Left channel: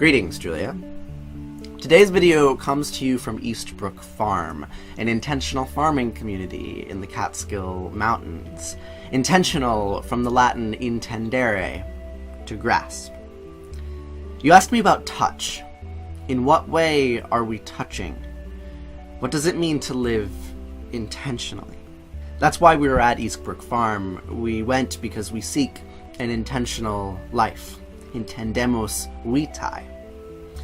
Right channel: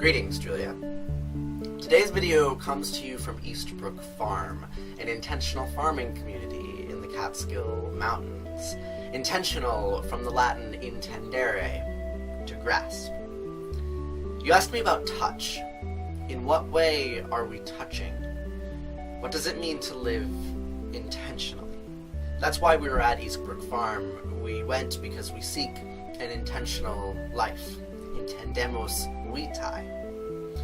Greetings, Julia. Today's video comes to you from East Brook Farm, an intentional farming community in the Catskill Mountains. Intentional from the Latin intendere, to grasp. You asked me about touch. In what way are we touching? What does it mean to live intentionally? That's why we were at East Brook Farm. We went because we seek an intentional life. Intendemos vitae.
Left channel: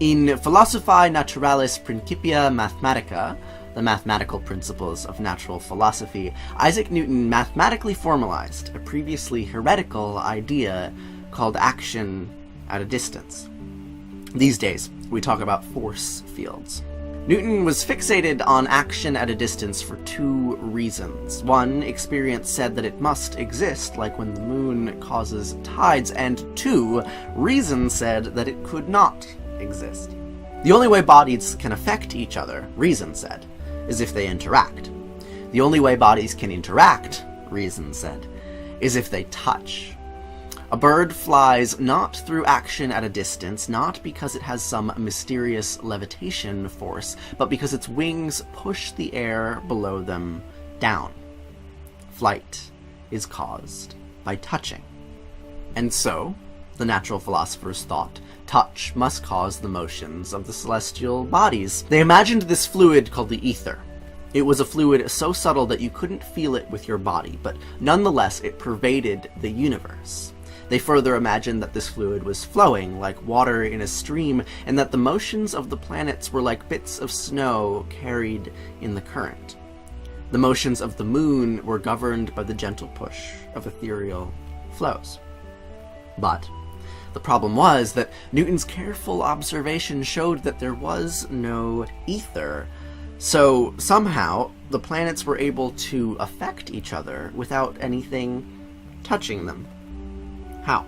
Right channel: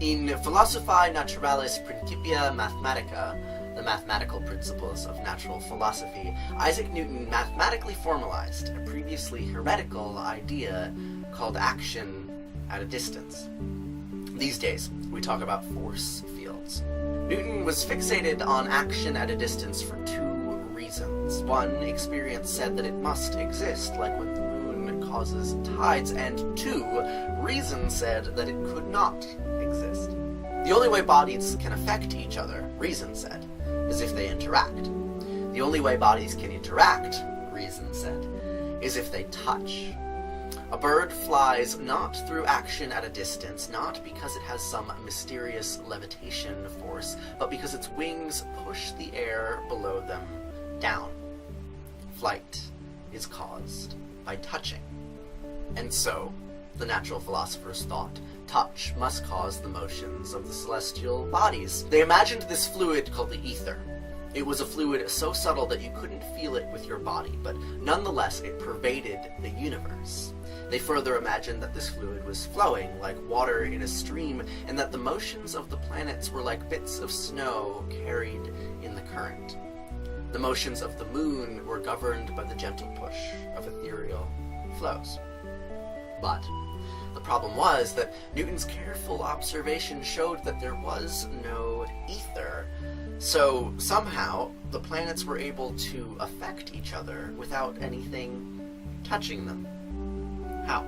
In Philosophiae Naturalis Principia Mathematica, the mathematical principles of natural philosophy, Isaac Newton mathematically formalized a previously heretical idea called action at a distance. These days, we talk about force fields. Newton was fixated on action at a distance for two reasons. One, experience said that it must exist, like when the moon causes tides, and two, reason said that it could not exist. The only way bodies can affect each other, reason said, is if they interact. The only way bodies can interact, reason said, is if they touch. A bird flies not through action at a distance, not because it has some mysterious levitation force, but because its wings push the air below them down. Flight is caused by touching. And so, the natural philosophers thought, touch must cause the motions of the celestial bodies. They imagined this fluid called the ether. It was a fluid so subtle that you couldn't feel it with your body, but nonetheless it pervaded the universe. They further imagined that this fluid was flowing like water in a stream, and that the motions of the planets were like bits of snow carried in the current. The motions of the moon were governed by the gentle push of ethereal flows. But the problem was that Newton's careful observation showed that there was no ether. So somehow the planets were able to affect each other without anything touching them. How?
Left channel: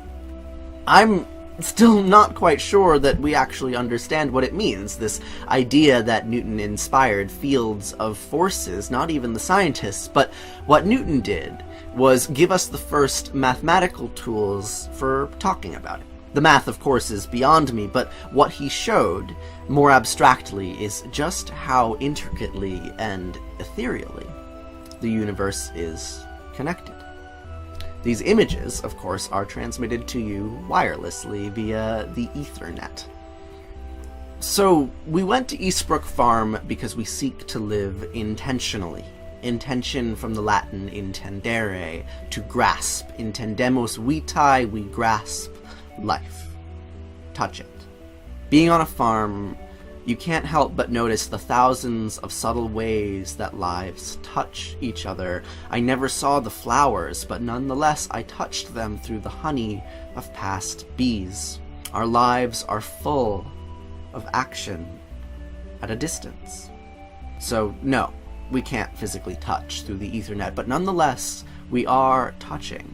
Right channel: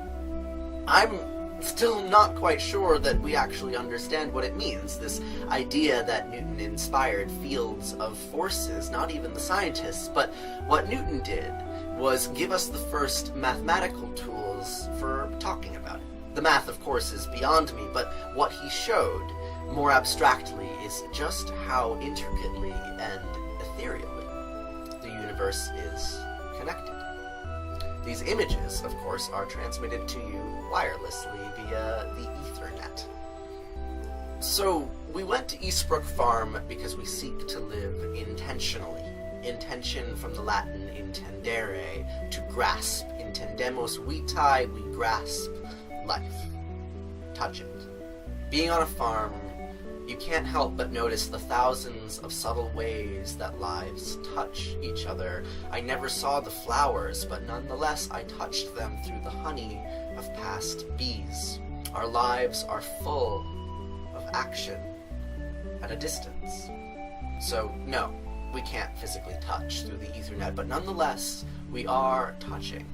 I'm still not quite sure that we actually understand what it means, this idea that Newton inspired fields of forces, not even the scientists, but what Newton did was give us the first mathematical tools for talking about it. The math, of course, is beyond me, but what he showed, more abstractly, is just how intricately and ethereally the universe is connected. These images, of course, are transmitted to you wirelessly via the Ethernet. So, we went to East Brook Farm because we seek to live intentionally. Intention from the Latin intendere, to grasp. Intendemos vitae, we grasp life. Touch it. Being on a farm, you can't help but notice the thousands of subtle ways that lives touch each other. I never saw the flowers, but nonetheless I touched them through the honey of past bees. Our lives are full of action at a distance. So no, we can't physically touch through the Ethernet, but nonetheless we are touching,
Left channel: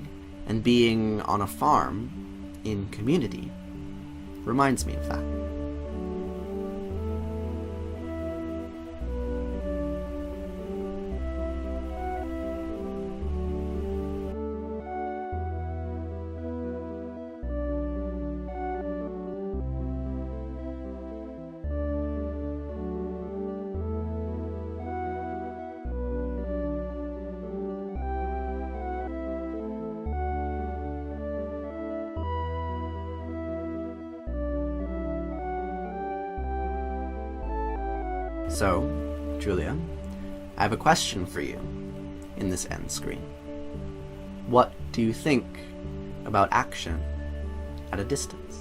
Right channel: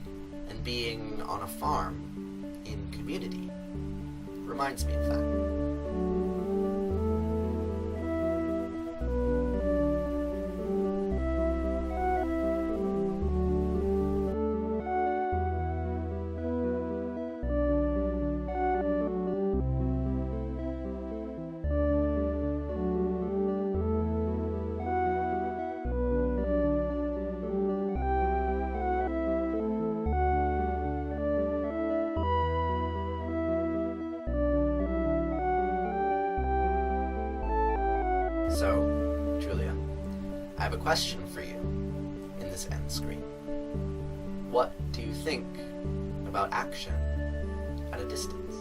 and being on a farm in community reminds me of that. So, Julia, I have a question for you in this end screen. What do you think about action at a distance?